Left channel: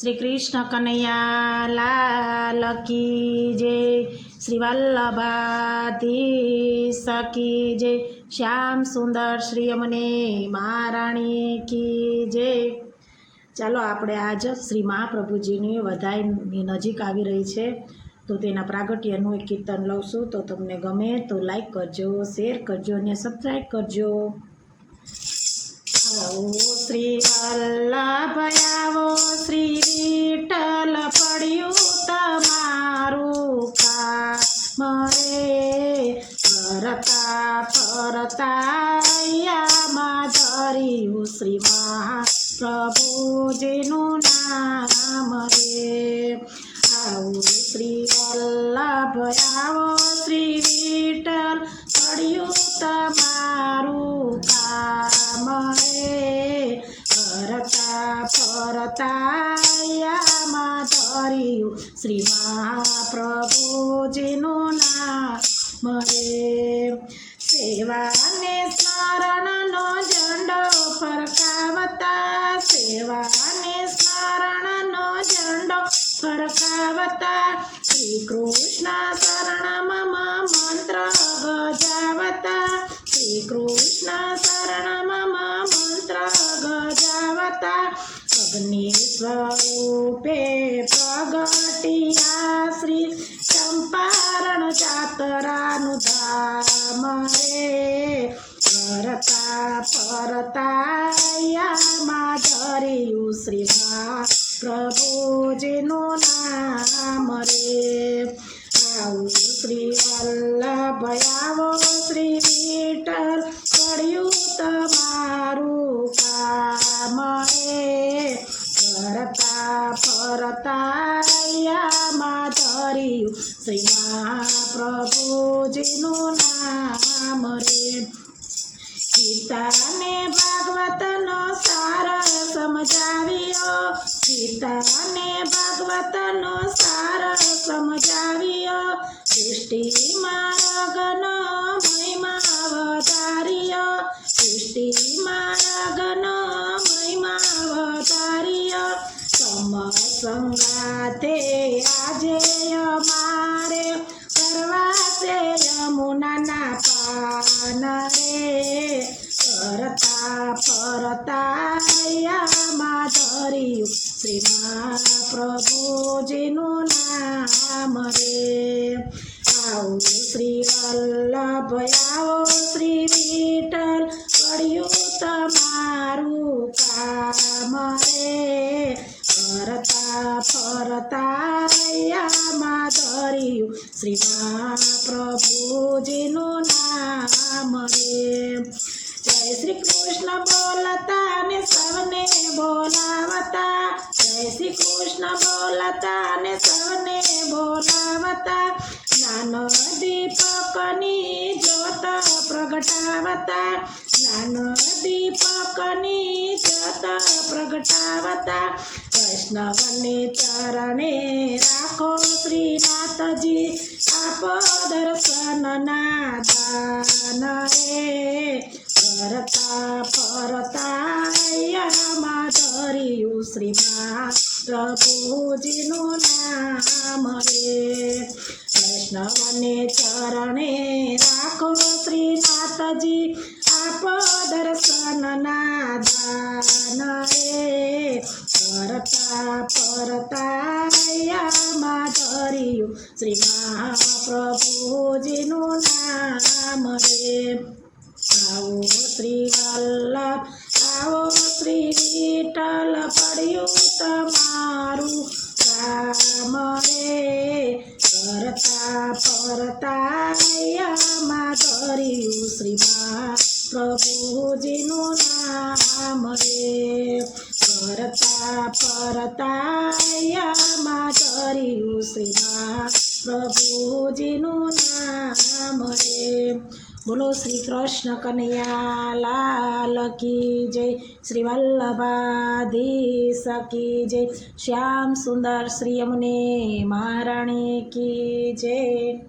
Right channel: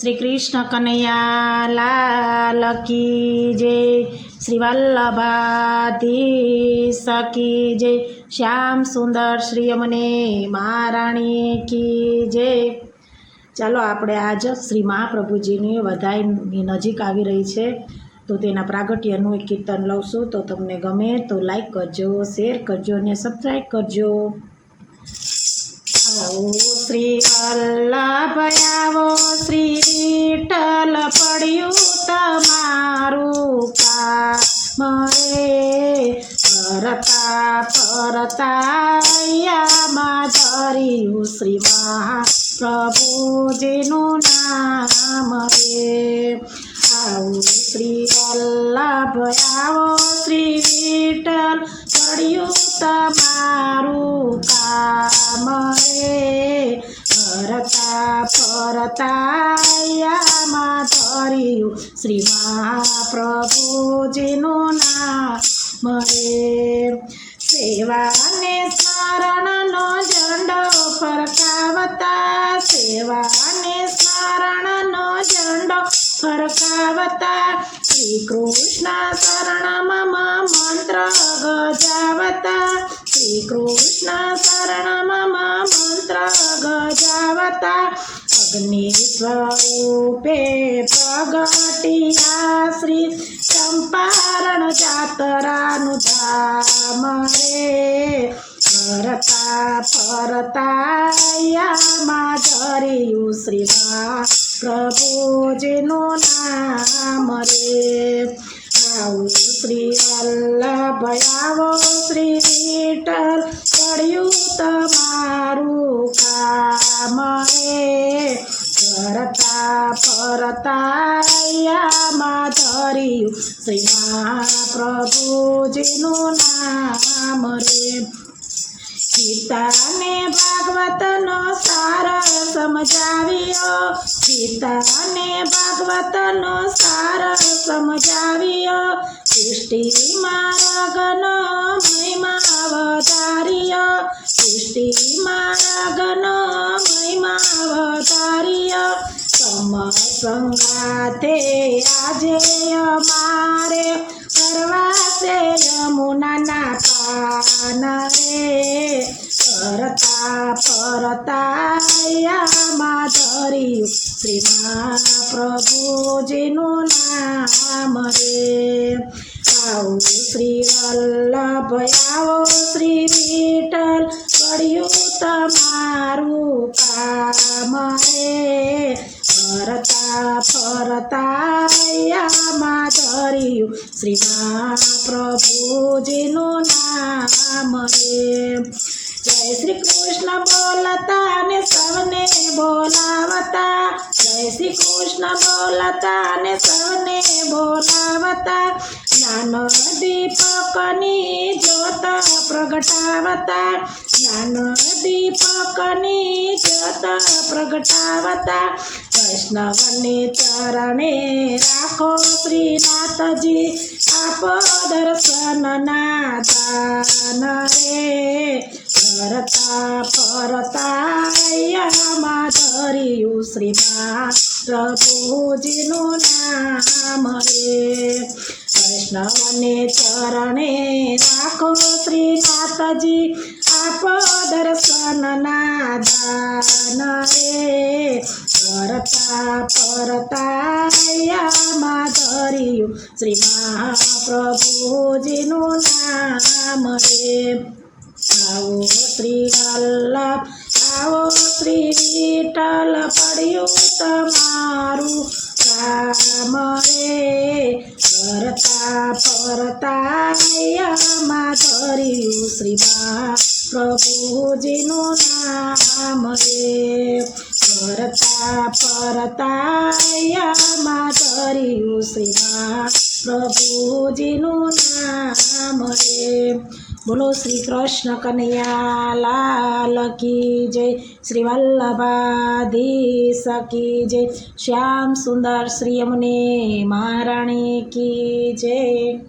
શ્રી કૃષ્ણ કનૈયા લાલ કી જય. શ્રી વલ્લભાતી સકી જય. શ્યામ સુંદર શ્રી અમને મહારાણી કી જય. ચાલો આપણે આજ શ્રી મહાપ્રભુજીની વધાઈની નજીક આવી રહી છે. તો તેના પ્રાગટ્યનું એક કીર્તન લઉં તો તમને ગમે તો લાઈક કરજો શેર કરજો અને સબસ્ક્રાઈબ કરજો. શ્રી વલ્લભ આવો. પડ્યું તમારું કામ રે ફરતા ફરતા યામાં ધર્યું શ્રી મહાપ્રભુજીનું નામ રે. આવો શ્રી વલ્લભ આવો શ્રી વિઠ્ઠલ પડ્યું તમારું કામ રે ફરતા ફરતા યામાં શ્રી મહાપ્રભુ મહાપ્રભુજીનું નામ રે સેવાને સ્મરણનો ઝંડો ફરકાવતા, સેવાને સ્મરણનો ઝંડો ફરકાવતા શ્રી કૃષ્ણ શરણમાં મંત્ર ગજાવતા શ્રી કૃષ્ણ શરણમાં મંત્ર ગજાવતા અગ્નિ સ્વરૂપે પ્રગટિયા શ્રી ચંપારણ જાતરાનું ધામ રે. ફરતા ફરતા યામાં ધર્યું શ્રી પ્રભુજીનું નામ રે. આવું શ્રી વલ્લભ આવો શ્રી વિઠ્ઠલ પડ્યું રે ફરતા ફરતા યામાં ધર્યું શ્રી મહાપ્રભુજીનું નામ રે. ગીતાને ભાગવતનો સાર સમજાવ્યો. ગીતાને ભાગવતનો સાર સમજાવ્યો. સૃષ્ટિમાં રગનો મહિમા વધાર્યો. સૃષ્ટિમાં રગનો સમ સંગાથે આજે અમારે કરવાશે યમુનાના પાન રે. ફરતા ફરતા યામાં ધર્યું શ્રી પ્રભુજીનું નામ રે. આવો શ્રી વલ્લભ આવો શ્રી વિઠ્ઠલ પડ્યું તમારું કામ રે. ફરતા ફરતા યામાં ધર્યું શ્રી પ્રભુજીનું નામ રે. જય શ્રી કૃષ્ણ બોલતા ને સૌને બોલાવતા. જય શ્રી કૃષ્ણ બોલતા ને સૌને બોલાવતા. દીપકની જ્યોત પ્રગટાવતા, નાનો દીપકની જ્યોત પ્રગટાવતા, વૈષ્ણવને ચરણે રાખો શ્રીનાથજી, આપો દર્શનના દાન રે. ફરતા ફરતા યામાં ધર્યું શ્રી પ્રભુજીનું નામ રે. વૈષ્ણવને ચરણે રાખો શ્રીનાથજી, આપ દર્શનના દાન રે. કરતા પરતા રૈયા ધર્યું શ્રી મહાપ્રભુજીનું નામ રે. આવો શ્રી વલ્લભ, આવો શ્રી વિઠ્ઠલ, પડ્યું તમારું કામ રે ફરતા ફરતા યામાં ધર્યું શ્રીમા પ્રભુજીનું નામ રે. ફરતા ફરતા યામાં ધર્યું શ્રીમા પ્રભુજીનું નામ રે. બોલો શ્રી કૃષ્ણ કનૈયા, લાલ કી જય. શ્રી વલ્લભાધીશ કી જય. શ્યામ સુંદર શ્રી અમને મહારાણી કી જય.